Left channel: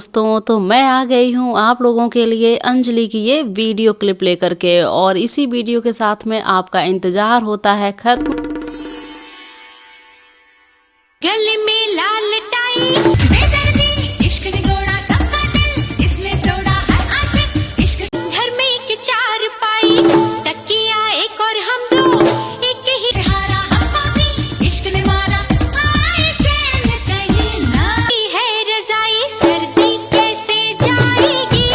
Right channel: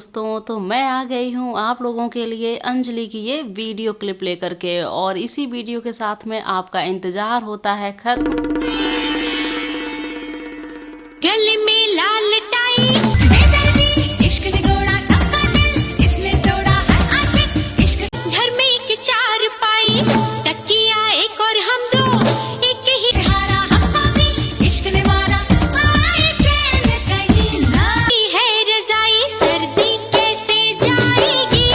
दोस्तों, तो मैं आ गई हूँ आप लोगों के लिए अंजलि की ये वीडियो क्लिप लेकर के। और इसी वीडियो के साथ में आपका इंतजार होता है खत्म। गले में लाल टाई बेदर्दी इश्क निगोड़ा सबका दिल इसने तोड़ा है आशिक इश्क घर में एक चार पाई तकिया एक और हम दो एक ही सहारा हमको भी इश्क ने मारा आए चैन कहीं ना है रजाई सर्दी कैसे जाएगी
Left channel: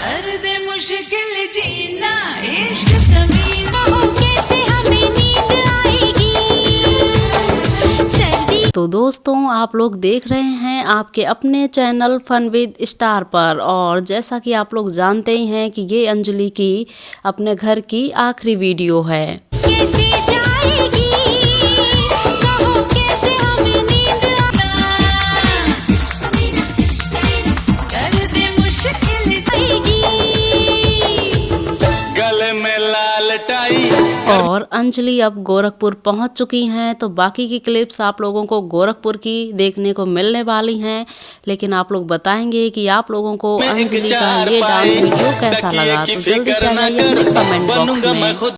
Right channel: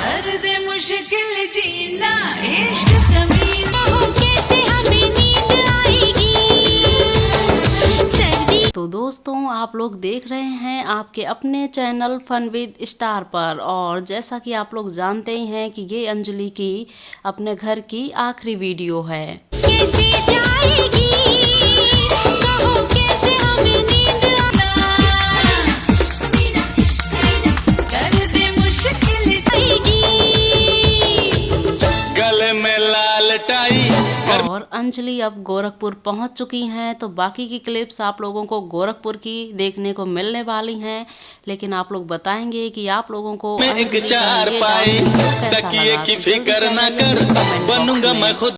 कर दे मुश्किल जीना इश्क कमीना कैसे हमें नींद आएगी। तो दोस्तों, आप लोग देख रहे हैं आपके अपने चैनल फन विद स्टार पर। और जैसा कि आप लोग जानते ही हैं कि ये अंजलि की अपने घर की आखिरी वीडियो है। कैसे जाएगी कहो कैसे हमें नींद कर दे मुश्किल गले में लाल टाई। और अंजलि अब गोरखपुर पहुंच चुकी हैं, तो बाकी की क्लिप्स आप लोगों को गोरखपुर की देखने को मिलने वाली हैं। लेकिन आप लोग बताएंगे कि आप लोगों को अंजलि का ये डांस वीडियो कैसा लगा। तो जल्दी से आ जाइए कमेंट बॉक्स में।